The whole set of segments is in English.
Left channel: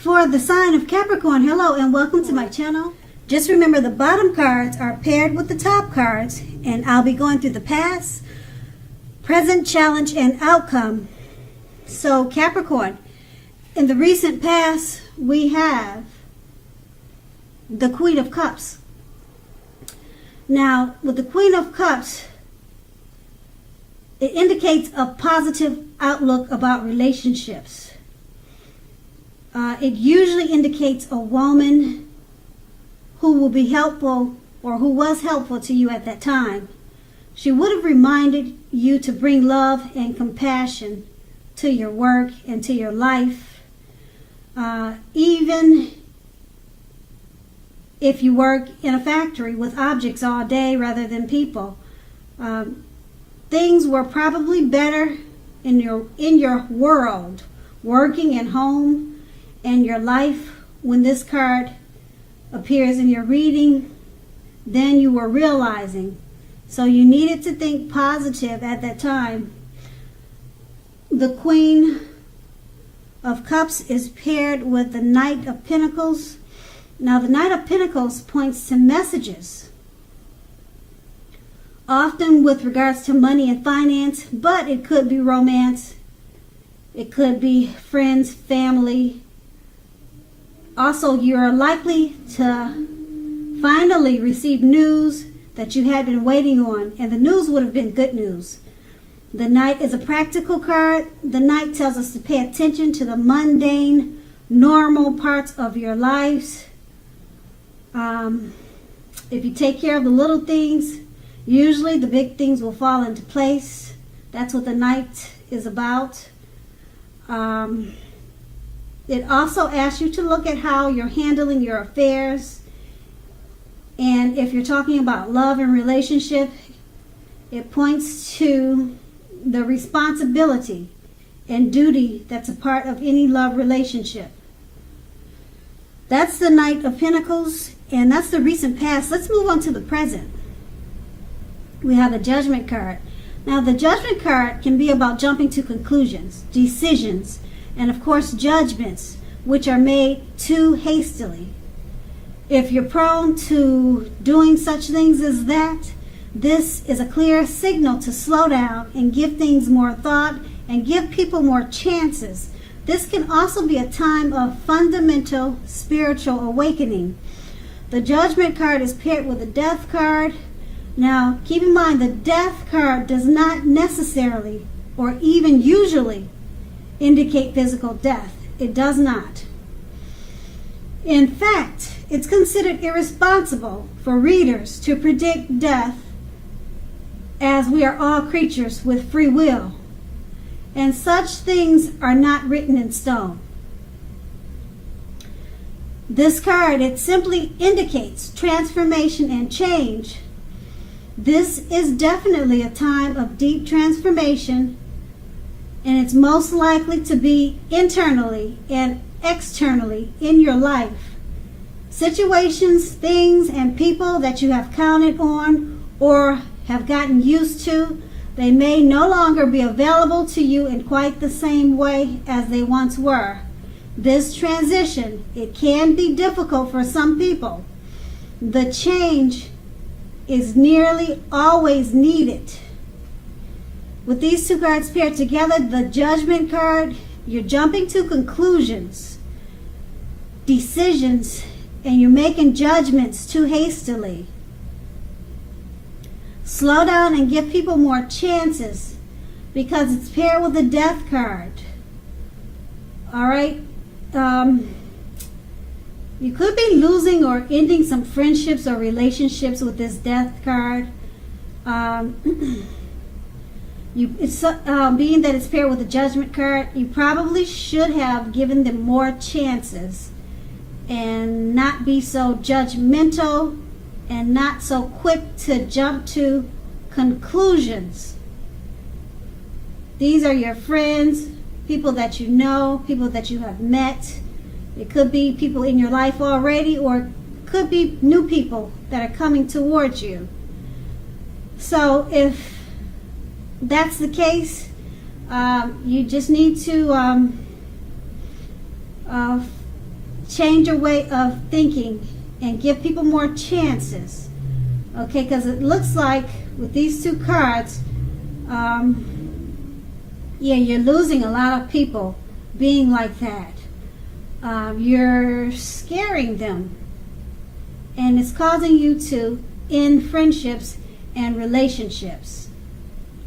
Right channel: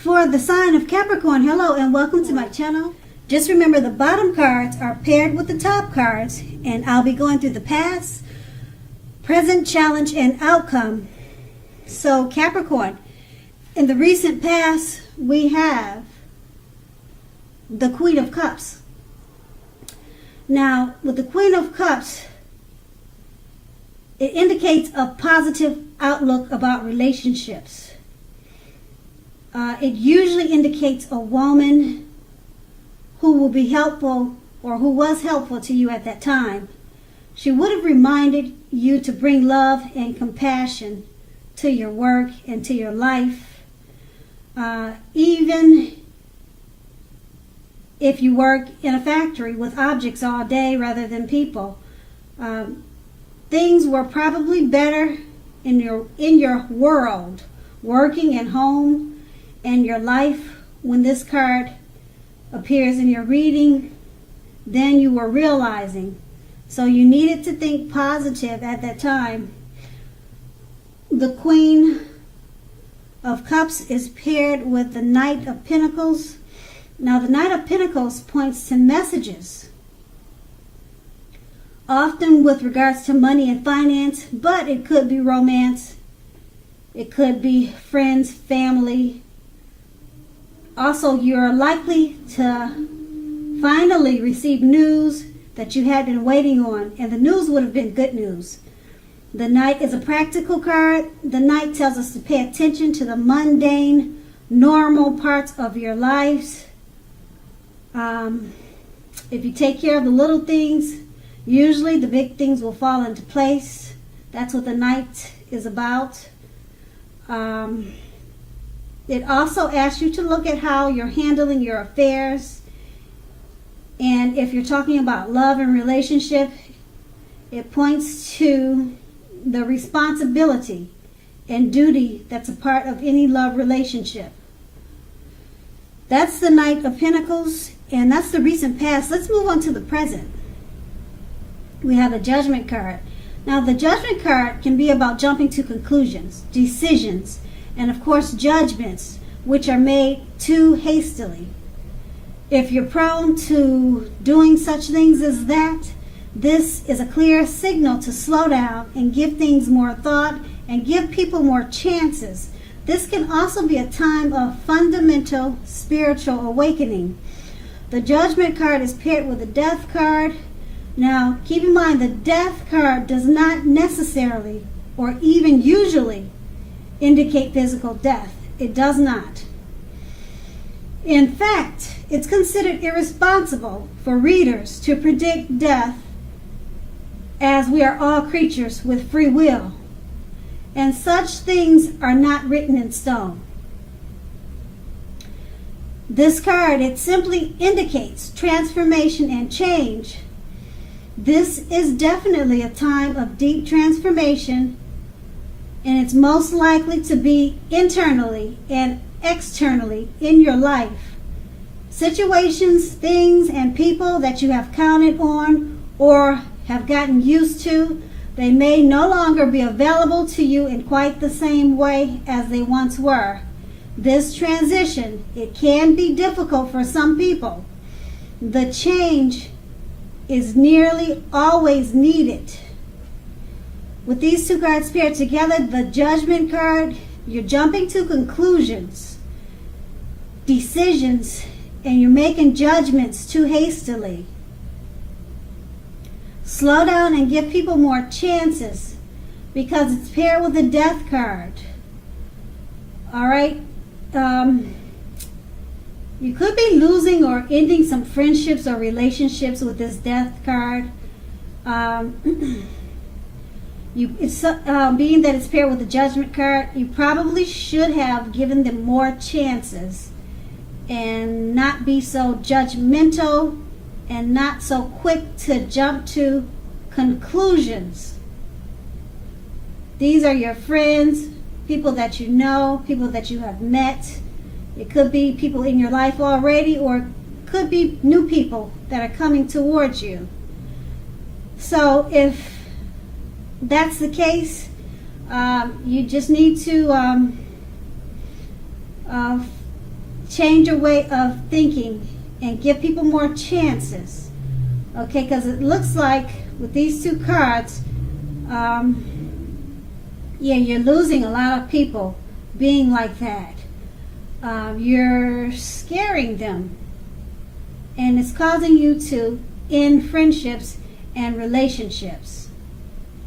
For the sign of Capricorn, hello and welcome to my channel. Just remember the bottom cards are paired with the top cards, and I'll be going through the past, present, challenge, and outcome. So Capricorn, in the recent past, we have the Queen of Cups. Now, with the Queen of Cups, it indicates a positive outlook about relationships. It usually indicates a woman who will be helpful or who was helpful to you at that time. She would have reminded you to bring love and compassion to your work and to your life. Even if you work in a factory with objects all day rather than people, things were probably better in your world, working at home, and your life when this card appears in your reading than you were realizing. So you needed to think positive at that time. The Queen of Cups is paired with the Knight of Pentacles. Now the Knight of Pentacles points to messages, often with regards to money and finance, but it could be romance, it could be friends, family. Also, you're likely to finally receive news that you had been waiting on, and the news would have been good news. The Knight is a practical card. The Knight tells us to pay attention to the mundane, normal parts of your lives. If you take care of the little things, usually the big things will fall into place. That's what the Knight is about. It also asks you to look at how you're handling your affairs. And if you're talking about love and relationship, it points to the responsibility and duty that's a part of any love relationship. That's the Knight of Pentacles, and that's the recent past. Let's move on to the present. We have the Judgment card. Now, the Judgment card can be about jumping to conclusions, decisions, and of course judgments which are made too hastily. If you're prone to doing such things as that, this is a clear signal to slow down and give things more thought and give people more chances. This can also be a time of fundamental spiritual awakening. The Judgment card is paired with the Death card. Now, keep in mind the Death card does not necessarily or even usually indicate physical death. It does not. In fact, it's considered irresponsible for readers to predict death, as we are all creatures with free will, and such things are not written in stone. This card, it simply indicates transformation and change. This is definitely a time of deep transformation, and it's most likely to be internally and externally in your life. Situations, things, and people that you have counted on or have gotten used to, they may no longer be available to you in quite the same way as they once were. This transition, it can be difficult for some people. The change is nearly always needed. With these two cards paired together, the Judgment card, you're jumping to conclusions, decisions, and you're making judgments too hastily. Slow down and give people more chances because it's paired with the Death card. All right. You could be losing or ending some friendships or relationships with this Death card. Being that it's paired with the Judgment card, you probably should have given them more chances and not be so judgmental and not so quick to jump to conclusions. These are your friends, people that you know, people that you have met. It could be people in your life already, or it could be new people that are coming towards you. So if that's the case, you just need to change your way of thinking and give people more chances. Okay, because it looks like with these two cards, yeah, you're losing a lot of people being like that. You're scaring them, and it's causing you to end friendships and relationships.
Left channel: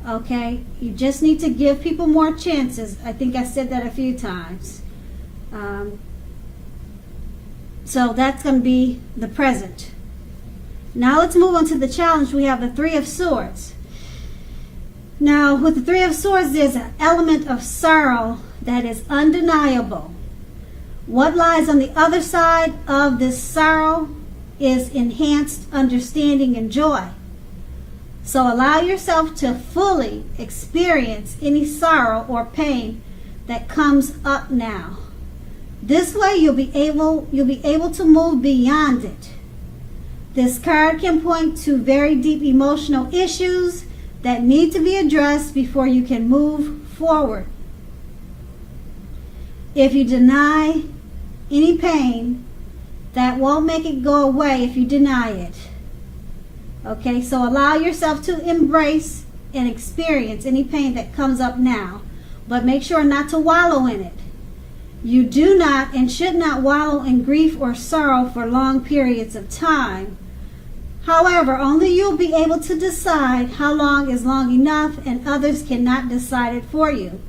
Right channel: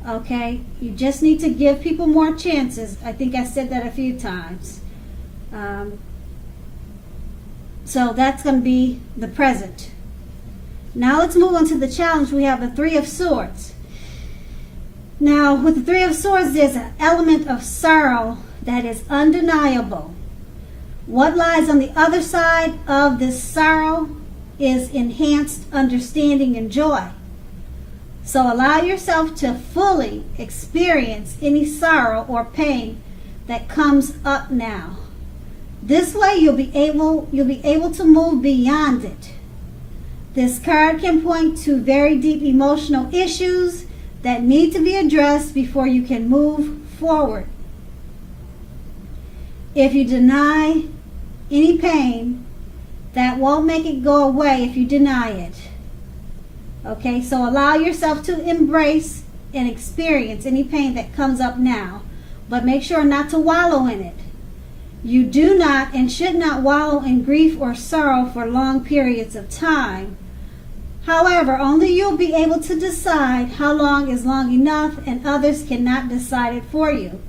Okay, you just need to give people more chances. I think I said that a few times. So that's going to be the present. Now let's move on to the challenge. We have the Three of Swords. Now with the Three of Swords, there's an element of sorrow that is undeniable. What lies on the other side of this sorrow is enhanced understanding and joy. So allow yourself to fully experience any sorrow or pain that comes up now. This way you'll be able to move beyond it. This card can point to very deep emotional issues that need to be addressed before you can move forward. If you deny any pain, that won't make it go away if you deny it. Okay, so allow yourself to embrace and experience any pain that comes up now, but make sure not to wallow in it. You do not and should not wallow in grief or sorrow for long periods of time. However, only you'll be able to decide how long is long enough, and others cannot decide it for you.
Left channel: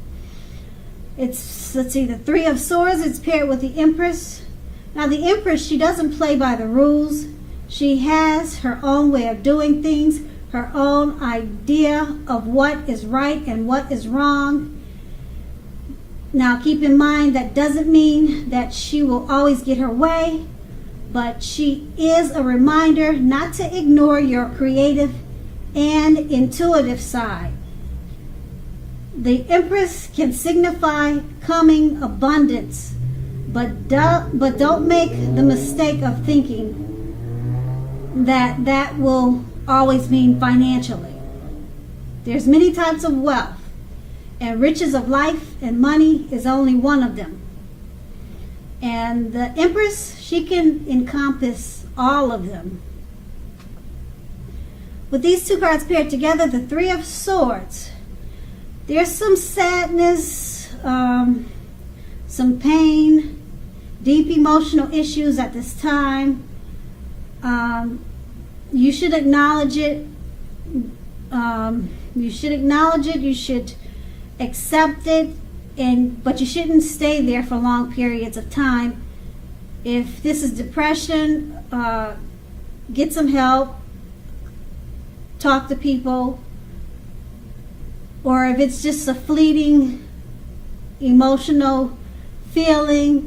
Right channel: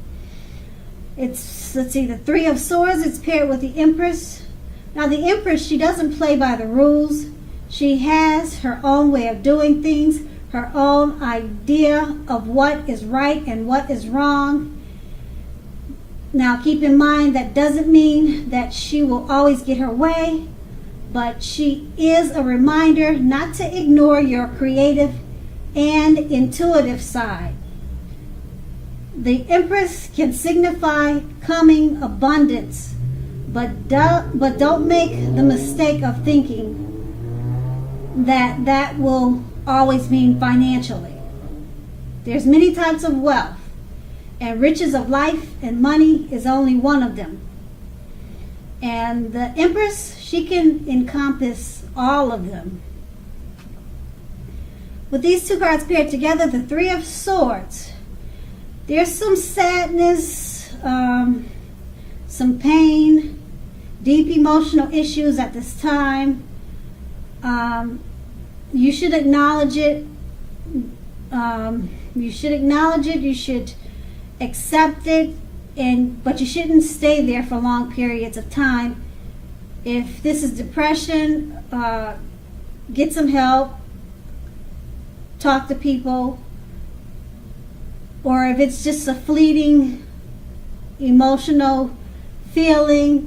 Let's see, the Three of Swords, it's paired with the Empress. Now the Empress, she doesn't play by the rules. She has her own way of doing things, her own idea of what is right and what is wrong. Now keep in mind that doesn't mean that she will always get her way, but she is a reminder not to ignore your creative and intuitive side. The Empress can signify coming abundance, but don't make the mistake of thinking that will always mean financially. There's many types of wealth, and riches of life and money is only one of them. And the Empress, she can encompass all of them. With these two cards paired together, the Three of Swords, there's some sadness, some pain, deep emotional issues at this time. You should acknowledge it. You should accept it, but you shouldn't stay there for long periods of time. If this is depression, get some help. Talk to people. Or if it's just a fleeting emotional feeling,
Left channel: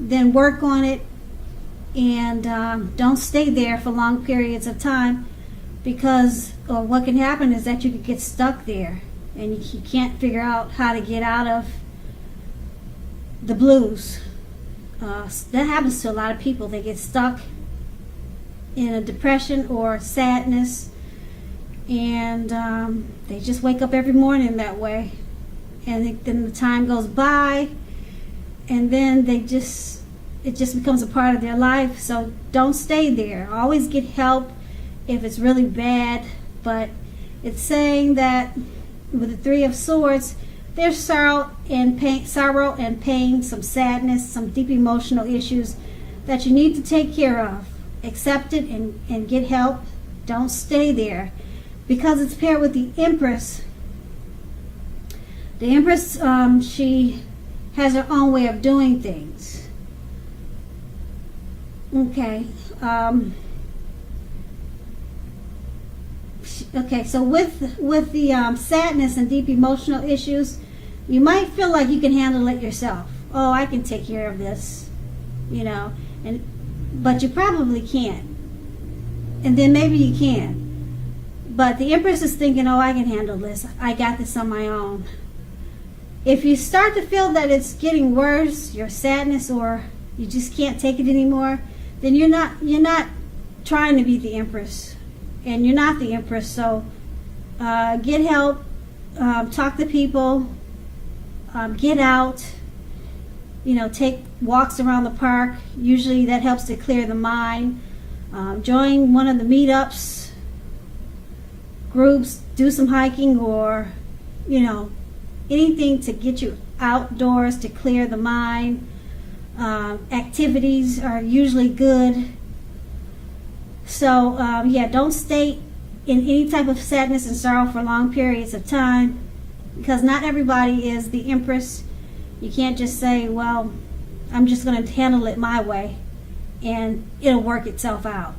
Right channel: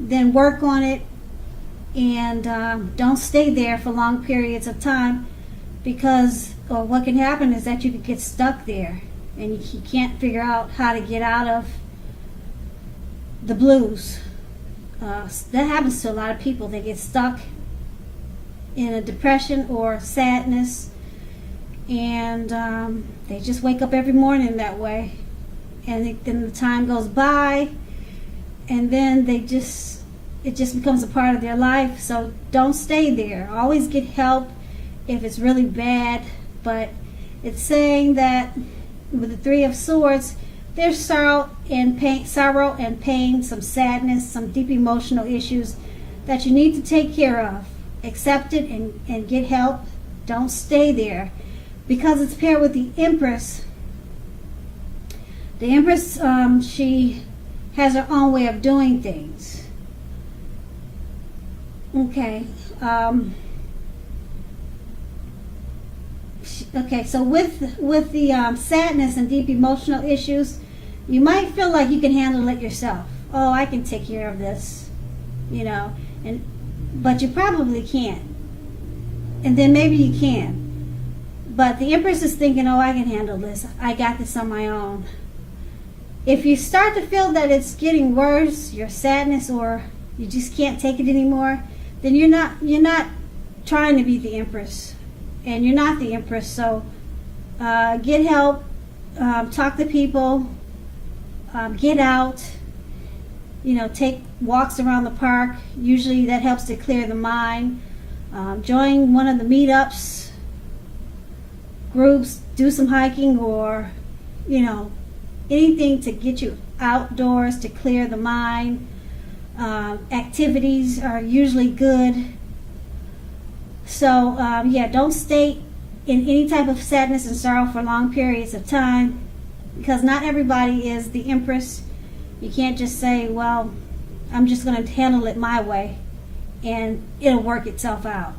then work on it, and don't stay there for long periods of time, because what can happen is that you can get stuck there and you can't figure out how to get out of the blues. That happens to a lot of people. They get stuck in a depression or sadness, and they just wake up every morning that way, and then the time goes by, and then it just becomes a part of their life. So don't stay there. Always get help if it's really bad. But it's saying that with the Three of Swords, there's sorrow and pain, some sadness, some deep emotional issues that you need to take care of. Accept it and get help. Don't stay there. Because it's paired with the Empress. The Empress, she has her own way of doing things. Okay. Okay, so with the sadness and deep emotional issues, you might feel like you can handle it yourself. Oh, I can take care of this, but you probably can't. And then maybe you can. But the Empress is thinking, oh, I can handle this. I got this on my own. If you start to feel that it's getting worse, your sadness, or you just can't take it anymore, then you're not trying to be the Empress. And you're not the Empress. So get help, talk to people, get out, take walks around the park. Usually that helps to clear the mind. Join one of the meetups, groups, do some hiking, or, anything to get you outdoors to clear the mind. Activities are usually good. So, don't stay in any type of sadness and sorrow for long periods of time, because not everybody is the Empress. You can't just say, well, I'm just going to handle it my way and it'll work itself out.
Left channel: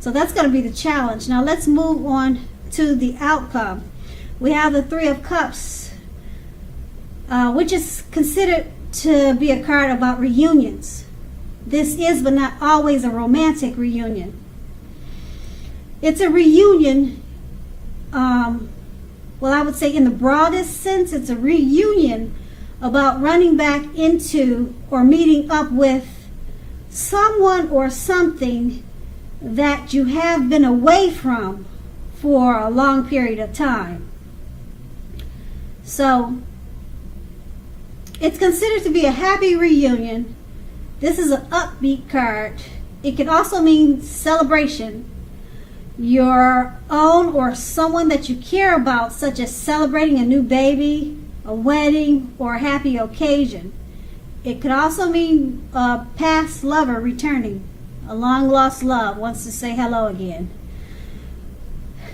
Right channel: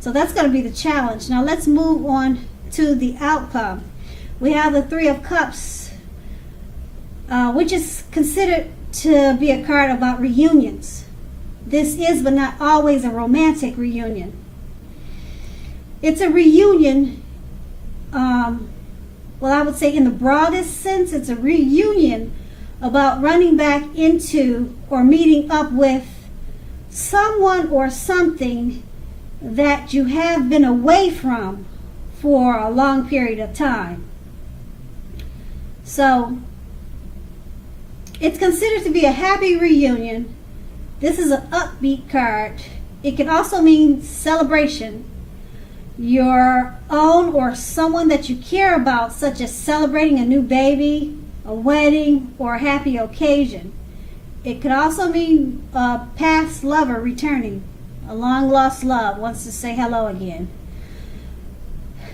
So that's going to be the challenge. Now let's move on to the outcome. We have the Three of Cups, which is considered to be a card about reunions. This is, but not always, a romantic reunion. It's a reunion, I would say in the broadest sense, it's a reunion about running back into or meeting up with someone or something that you have been away from for a long period of time. So it's considered to be a happy reunion. This is an upbeat card. It can also mean celebration. Your own or someone that you care about, such as celebrating a new baby, a wedding, or a happy occasion. It could also mean a past lover returning. A long lost love wants to say hello again.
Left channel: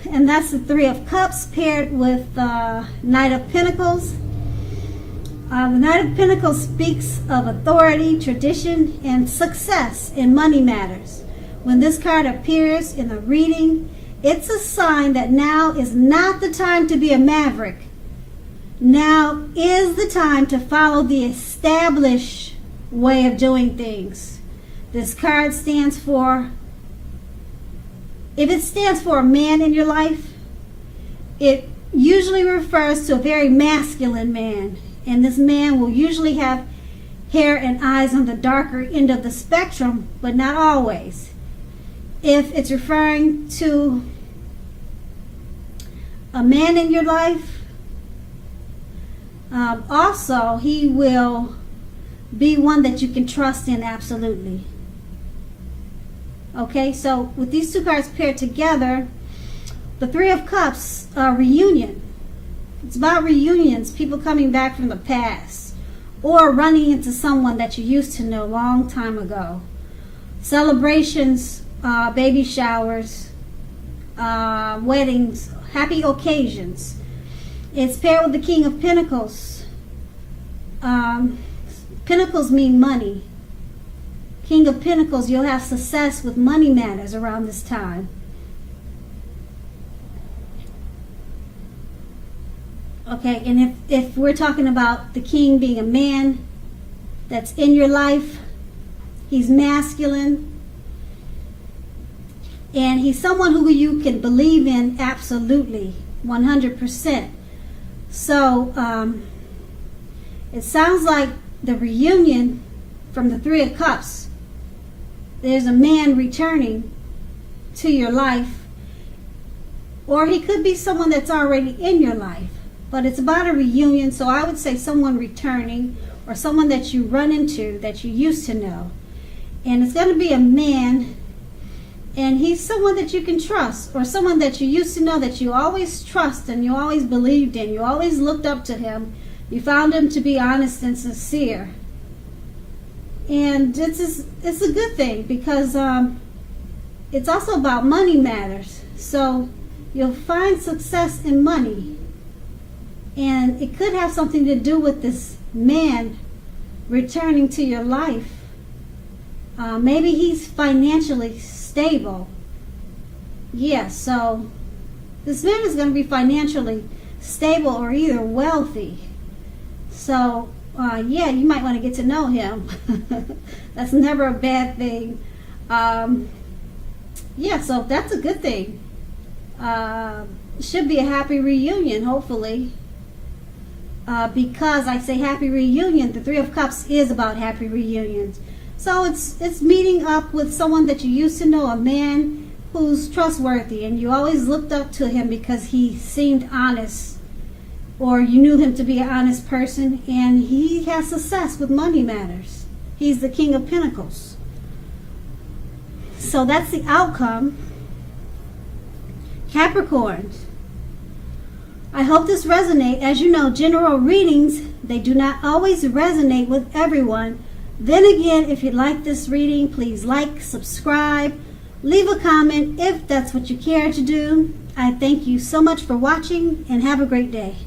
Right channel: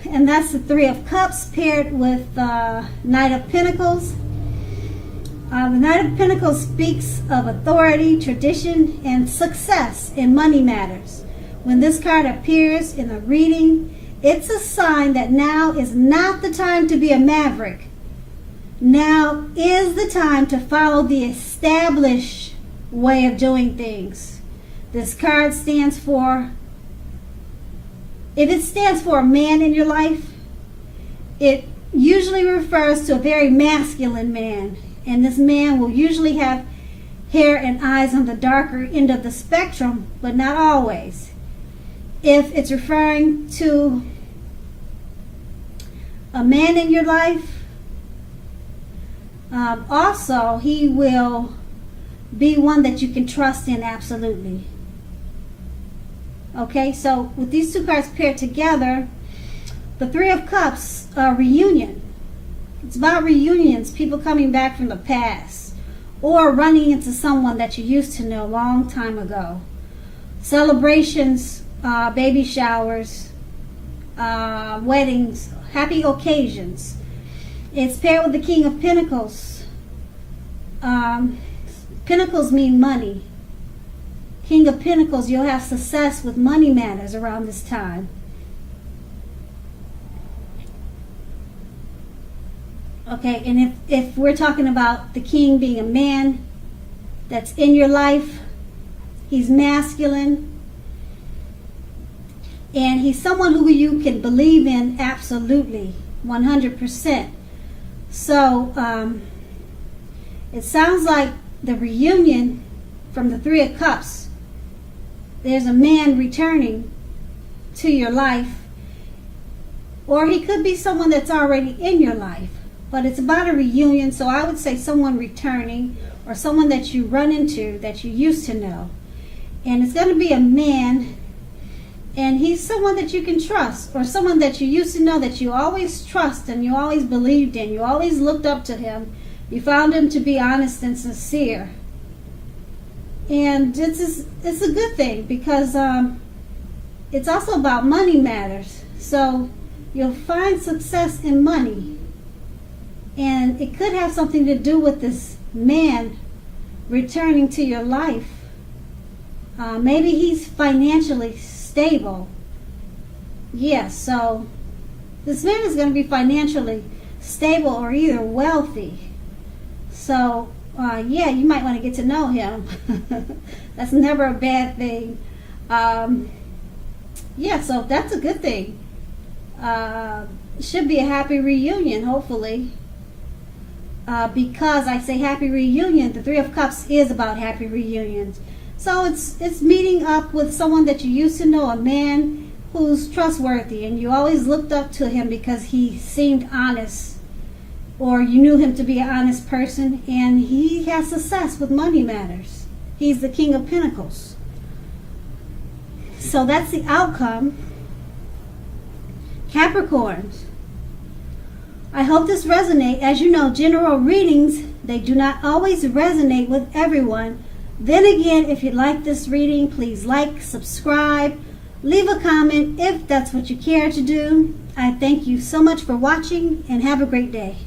And that's the Three of Cups paired with the Knight of Pentacles. The Knight of Pentacles speaks of authority, tradition, and success in money matters. When this card appears in a reading, it's a sign that now is not the time to be a maverick. Now is the time to follow the established way of doing things. This card stands for, if it stands for a man in your life, it usually refers to a very masculine man. And this man will usually have hair and eyes on the darker end of the spectrum, but not always. If it's referring to a man in your life, also he will be one that you can trust in absolutely. Okay, so with these two cards paired together, the Three of Cups, reunion. It's about reunions, people coming back from the past, or running into someone that you used to know a long time ago. Celebrations, baby showers, weddings, happy occasions. It's paired with the King of Pentacles. Pentacles mean money. King of Pentacles, you'll have success with money matters around this time. Okay, and if we're talking about the king being a man that's in your life, he's masculine, and he's someone who you can believe in absolutely, 100%. So it sounds like the reunion from the Three of Cups, there's a man returning to your life, or he could be someone that's already in your life. But it's about a reunion, so I would say someone returning, or someone that you run into that you used to know. And it's going to be a man, and he's someone that you can trust, or someone that you used to know that you always trust and you always believed in. You always looked up to him. You found him to be honest and sincere. And it's a good thing, because it's also about money matters. So you'll find success in money. And it could have something to do with this man returning to your life. Maybe he's financially stable. Yeah, so this man is going to be financially stable or either wealthy. So, you might want to get to know him. That's never a bad thing. So that's a good thing. It should be a happy reunion, hopefully. Because I say happy reunion, the Three of Cups is about happy reunions. So it's meeting up with someone that you used to know, a man who's trustworthy, and you always looked up to him because he seemed honest or you knew him to be an honest person, and he has success with money matters. He's the King of Pentacles. So that's the outcome. Capricorn, I hope this resonates. As you know, general readings, they do not always resonate with everyone. Then again, if you like this reading, please like, subscribe, leave a comment if that's what you care to do. I thank you so much for watching, and have a great day.